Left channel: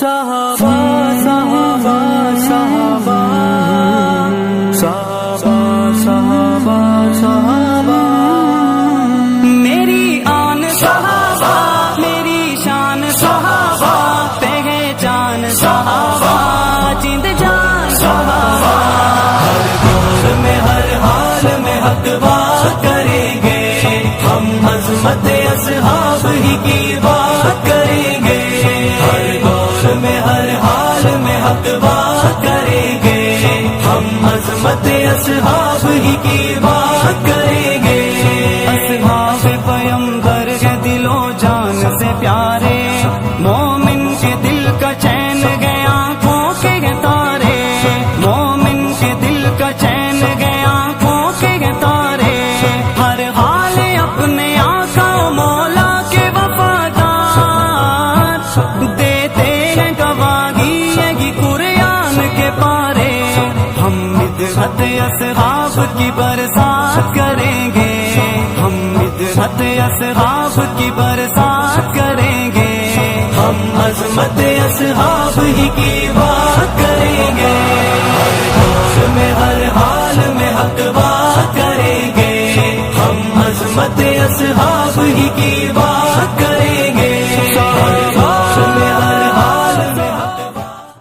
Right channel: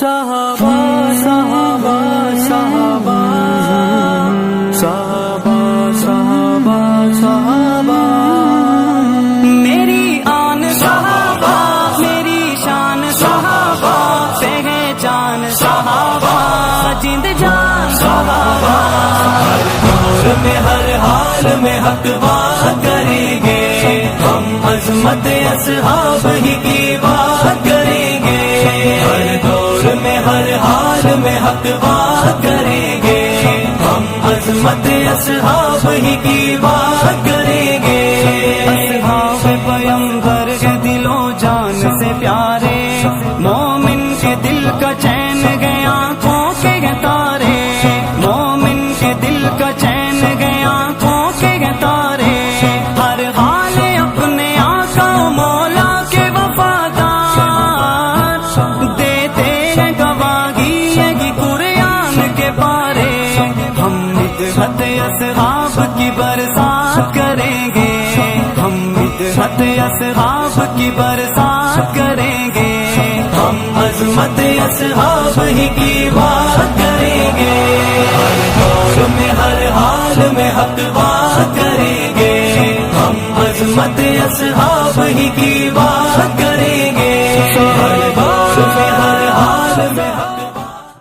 صحابہ صحابہ صحابہ صحابہ صحابہ صحابہ، میری آن صحابہ، میری شان صحابہ، پہچان صحابہ، جند جان صحابہ، ہر دور میں ہر حال میں حق بات کریں گے، ہم عظمت اصحاب ہی کی بات کریں گے، ہر دور میں ہر حال میں حق بات کریں گے، ہم عظمت اصحاب ہی کی بات کریں گے، اصحاب پیمبر کے دل و جان سے پیارے، مومن کے دل کا چین گئے آنکھوں کے تارے، مومن کے دل کا چین گئے آنکھوں کے تارے، ہر حال اپنے آقا و مولا کے وفادار، دیتے ہیں گواہی یہ قرآن کے پارے، ہم مدحت اصحاب کی برسات کریں گے، ہم مدحت اصحاب کی برسات کریں گے، ہم عظمت اصحاب ہی کی بات کریں گے، ہر دور میں ہر حال میں حق بات کریں گے، ہم عظمت اصحاب ہی کی بات